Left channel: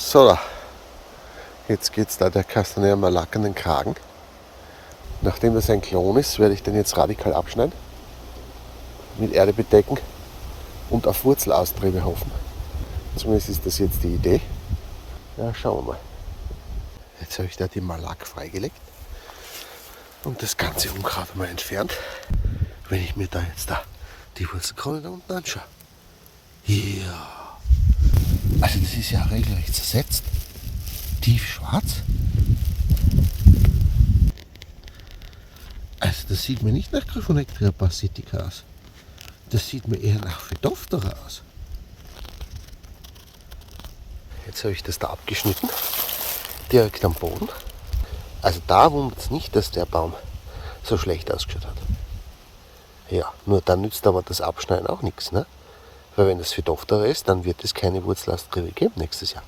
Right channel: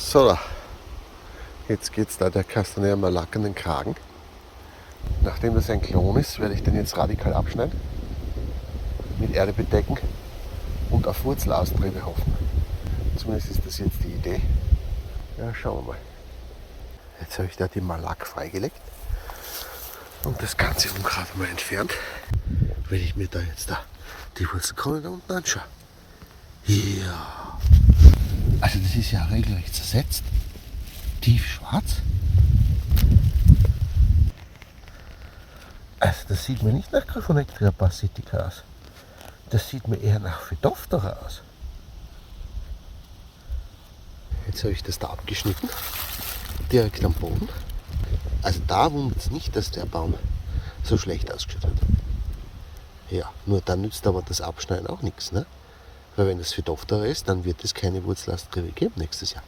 So, jetzt geht es da der Castanea Malac an den Kragen. Nachdem das ein Klon ist, werde ich den jetzt radikal abschneiden, mit Erde bedecken und auf Wurzelaustriebe hoffen. Zumindest ist das jetzt die Idee. Ja, schauen wir mal. Jetzt habe ich da die Malac freigelegt und das ganze Unkraut mal entfernt. Wenn ich mir da jetzt die Wurzelkrone da unten anschaue. Ja. Also das ist ja regelrecht zersetzt. Tiefschwarz. Also das sieht mir nicht nach Gryphonectria parasitica aus. Das sieht mir eher nach Phytophthora aus. Jetzt habe ich das da abgeschnitten, direkt am Boden. Also da wundert es nicht, dass der Baum so schlecht ausgeschaut hat. Ja, nur dann nützt aber das Abschneiden auch nichts, ne? Weil wenn das Phytophthora ist, dann wird es keine Wurzelaustriebe geben nächstes Jahr.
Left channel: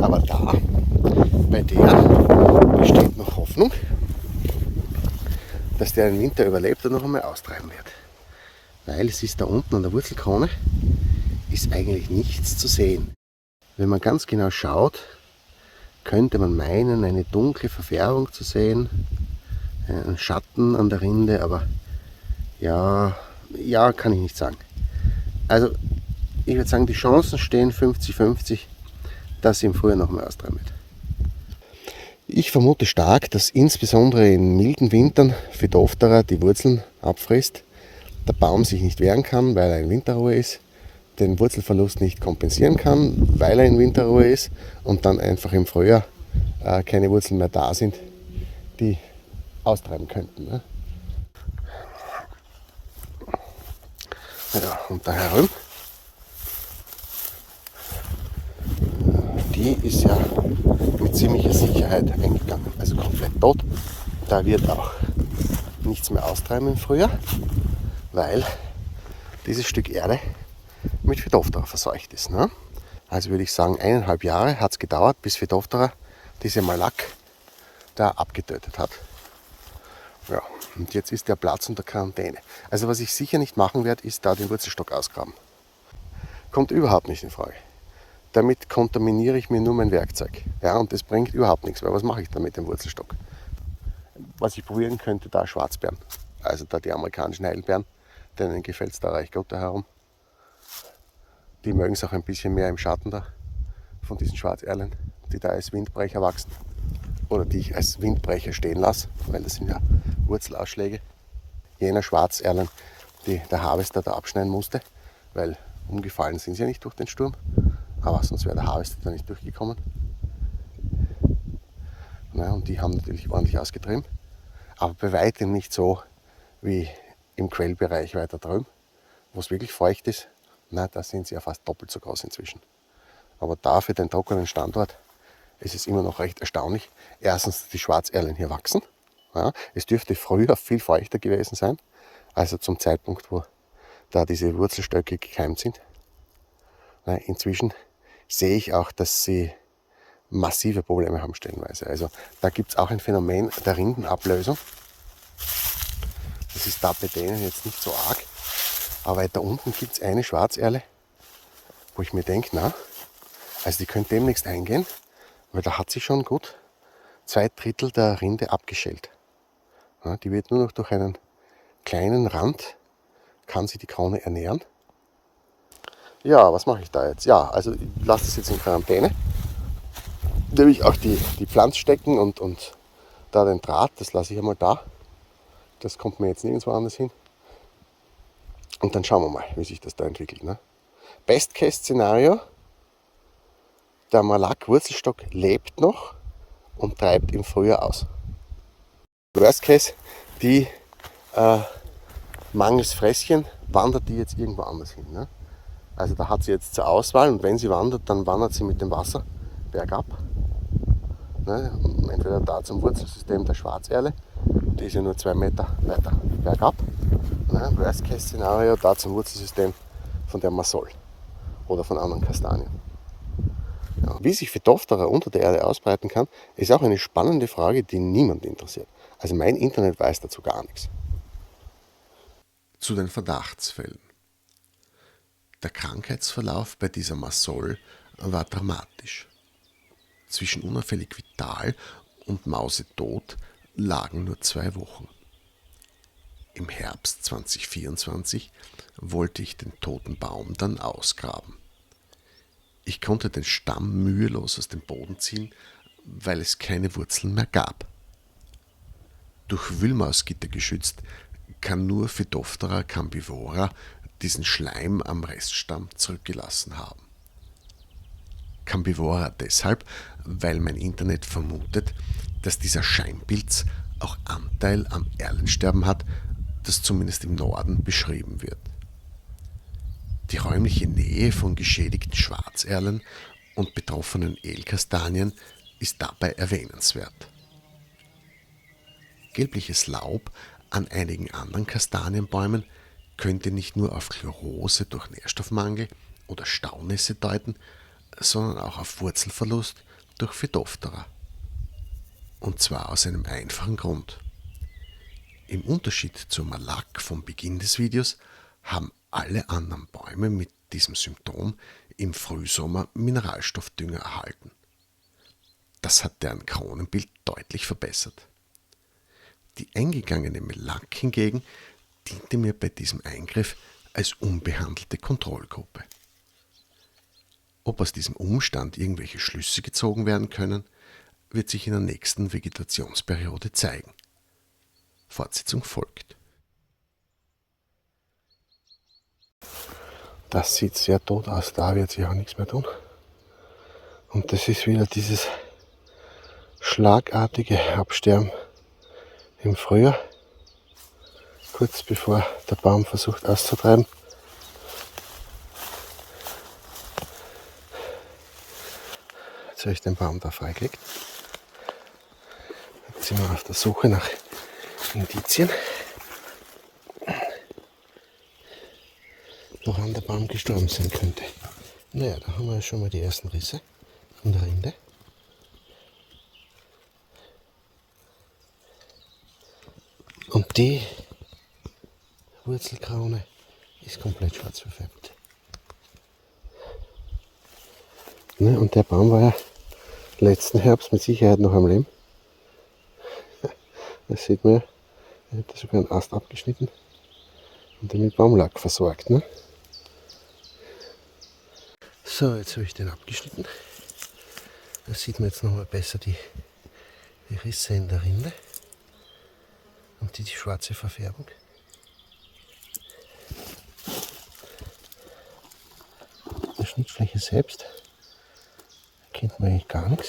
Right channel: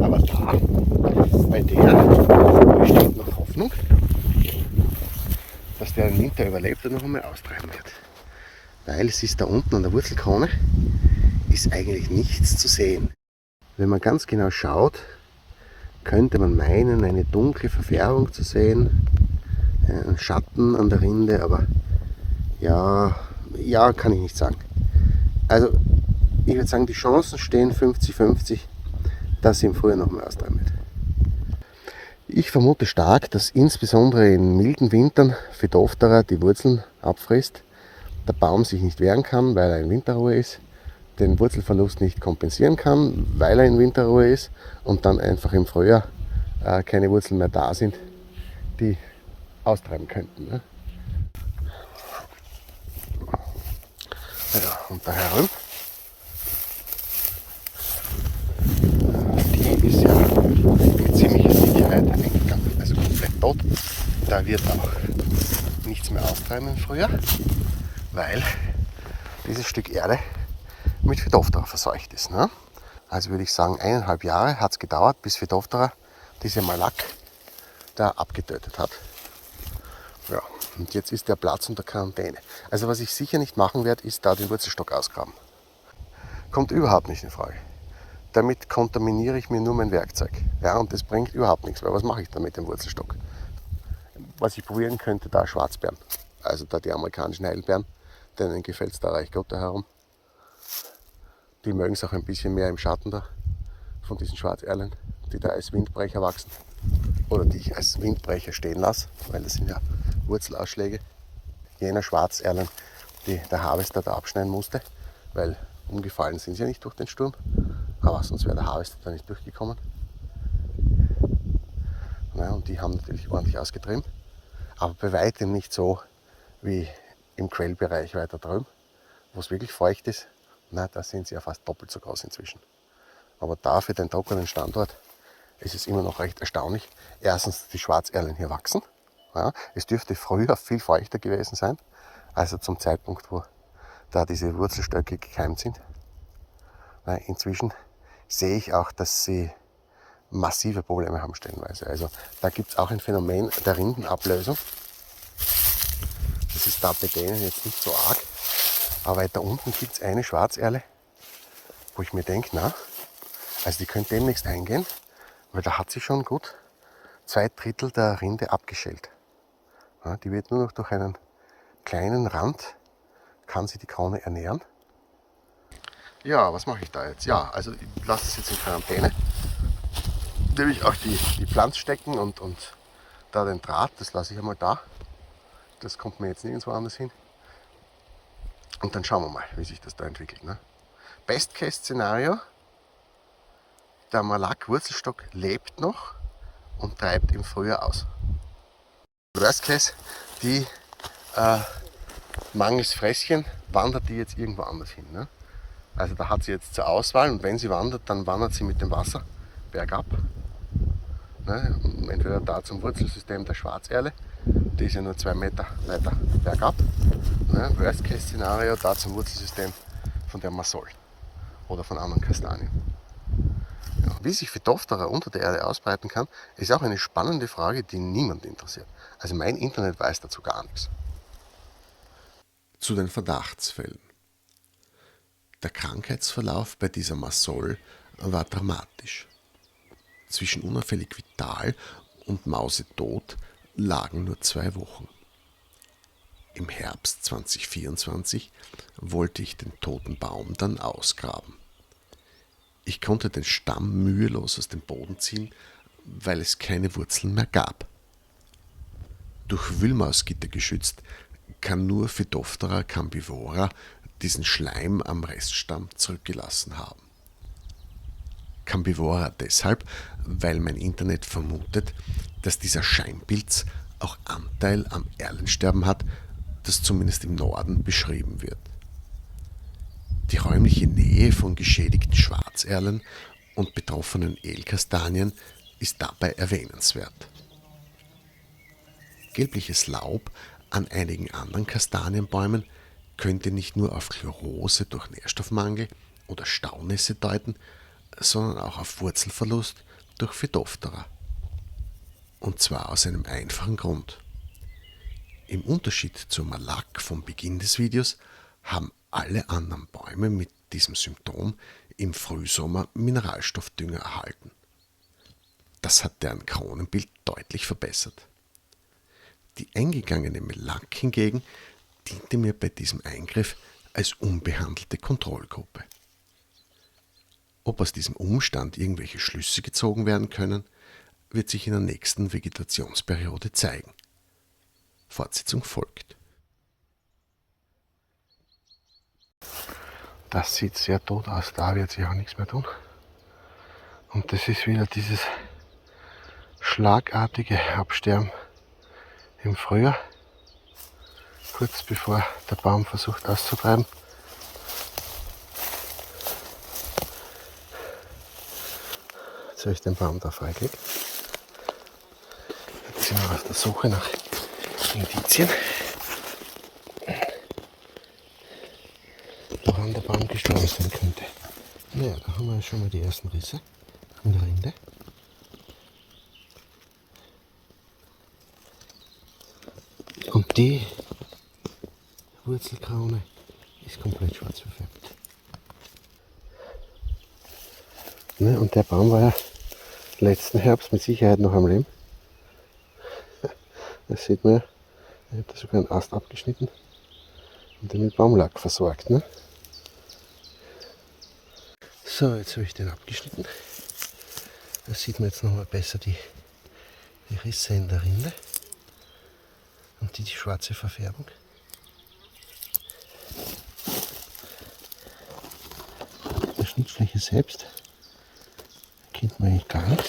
Aber da, bei der besteht noch Hoffnung, dass der den Winter überlebt und noch einmal austreiben wird. Weil es ist da unten an der Wurzelkrone ist eigentlich nichts zu sehen. Wenn man ganz genau schaut, könnte man meinen, eine dunkle Verfärbung zu sehen, einen Schatten an der Rinde, aber ja, kann ich nicht sagen. Also ich würde sagen, die Chancen stehen 50-50, dass sie im Frühjahr noch mal austreiben wird. Ich vermute stark, dass insbesondere in milden Wintern Phytophthora die Wurzeln abfrisst, der Baum sich nicht wehren kann, weil er in Winterruhe ist, den Wurzelverlust nicht kompensieren kann, weil er in Winterruhe ist und dann einfach im Frühjahr keine Wurzeln mehr da sind, die austreiben könnten. Ne? Ja, und da herum, die ist ja mit ziemlicher Sicherheit eingegangen, also komplett tot. Da wird auch nichts mehr austreiben im Frühjahr, weil dieses Stück Erde mit Phytophthora verseucht ist. Ne? Also würde ich sagen, 1,5 Jahre hat es gedauert, bis Phytophthora diese Malac da abgetötet hat. Ja, und jetzt ist der Platz unter Quarantäne. Also was ich sicher nicht machen werde, ist da den Wurzelstock ausgraben. Kommt überhaupt nicht in Frage. Damit kontaminiere ich mir nur mein Werkzeug. Ja, und das bringt überhaupt nichts, weil was mache ich dann mit dem Wurzelstock? Was ich probieren könnte, da Schwarzbeeren. Also da die amerikanischen Heidelbeeren, denen gefällt es da reich Gott da herum. Die mögen es auch ein bisschen mehr im Schatten da von diesen Schwarzerlen, die da als Windbrecher wachsen. Oder die ich als Windbrecher stehen lasse, weil das sind ja Wurzelausschläge. Jener Schwarzerlen, die der Harvester da abschneiden musste, weil umgefallen sind sie ja nicht durch den Sturm, aber sonst wäre der Harvester da nicht durchgekommen. Ja, und die haben natürlich ordentlich ausgetrieben, aber bei weitem nicht so wie im Quellbereich weiter drüben, wo es wirklich feucht ist. Na, da sind sie ja fast doppelt so groß inzwischen. Aber da für den trockenen Standort ist es immer noch recht erstaunlich. Erstens, die Schwarzerlen hier wachsen. Ja, es dürfte früher viel feuchter gewesen sein, also zum Zeitpunkt, wo da diese Wurzelstöcke gekeimt sind. Na, inzwischen sehe ich auch, dass sie massive Probleme haben stellenweise. Also da gibt es auch ein Phänomen der Rindenablösung. Das ist da bei denen jetzt nicht so arg. Aber weiter unten gibt es eine Schwarzerle, wo ich mir denke, na, also die könnte demnächst eingehen, weil da hat sie schon gut 2/3 der Rinde abgeschält. Ja, die wird nur noch durch einen kleinen Rand, kann sie die Krone ernähren. Ja, was mache ich da jetzt? Ja, also ich lasse es jetzt in Quarantäne. Nämlich auch die Pflanze stecken und da den Draht, das lasse ich einmal da. Das kommt mir jetzt nirgendwo anders hin. Und dann schauen wir mal, wie sich das da entwickelt. Ne? Best-Case-Szenario, der Malac-Wurzelstock lebt noch und treibt im Frühjahr aus. Worst-Case, die mangels Fresschen wandert die jetzt irgendwo anders hin. Ne? Also da hat sie jetzt zur Auswahl und wenn sie wandert, dann wandert sie mit dem Wasser bergab. Ne? Entweder da zum Wurzelsystem der Schwarzerle, die ist ja nur 2 Meter weiter bergab. Ne? Worst-Case-Szenario da zum Wurzelsystem von der Massol oder von anderen Kastanien. Ja, wie sich Phytophthora unter der Erde ausbreiten kann, ist auch eine spannende Frage, die niemand interessiert. Also mein Internet weiß dazu gar nichts. Zu den Verdachtsfällen. Der Krankheitsverlauf bei dieser Massol war dramatisch. Zwischen unauffällig vital und mausetot lagen nur 2 Wochen. Im Herbst 2024 wollte ich den toten Baum dann ausgraben. Ich konnte den Stamm mühelos aus dem Boden ziehen, weil es keine Wurzeln mehr gab. Durch Wühlmausgitter geschützt, kann nur Phytophthora cambivora diesen Schleim am Reststamm zurückgelassen haben. Cambivora deshalb, weil mein Internet vermutet, dass dieser Scheinpilz auch Anteil am Erlensterben hat, das zumindest im Norden beschrieben wird. Die räumliche Nähe von geschädigten Schwarzerlen und betroffenen Ehlkastanien ist dabei erwähnenswert. Gelbliches Laub an einigen anderen Kastanienbäumen könnte nicht nur auf Chlorose durch Nährstoffmangel oder Staunässe deuten, sondern auch auf Wurzelverlust durch Phytophthora. Und zwar aus einem einfachen Grund. Im Unterschied zur Malak vom Beginn des Videos haben alle anderen Bäume mit diesem Symptom im Frühsommer Mineralstoffdünger erhalten. Das hat deren Kronenbild deutlich verbessert. Die eingegangene Malak hingegen diente mir bei diesem Eingriff als unbehandelte Kontrollgruppe. Ob aus diesem Umstand irgendwelche Schlüsse gezogen werden können, wird sich in der nächsten Vegetationsperiode zeigen. Fortsetzung folgt. Das sieht sehr tot aus, da wird sich auch nichts mehr tun. Und das ist wieder dieses schlagartige Absterben im Frühjahr, kurz bevor der Baum versucht auszutreiben. Jetzt habe ich den Baum da freigelegt. Jetzt sind wir auf der Suche nach Indizien, woran der Baum gestorben sein könnte. Naja, da haben wir schon mal die ersten Risse in der Rinde. Und die Wurzelkrone ist komplett schwarz verfärbt. Ne, und der Baum war ja letzten Herbst mit Sicherheit noch am Leben. Das sieht man ja, er hat sogar einen Ast abgeschnitten und den mit Baumlack versorgt. Ne? So, jetzt habe ich den abgeschnitten. Da sieht man jetzt nochmal besser die Risse in der Rinde und die schwarze Verfärbung. Der Schnittfläche selbst erkennt man eigentlich gar nichts.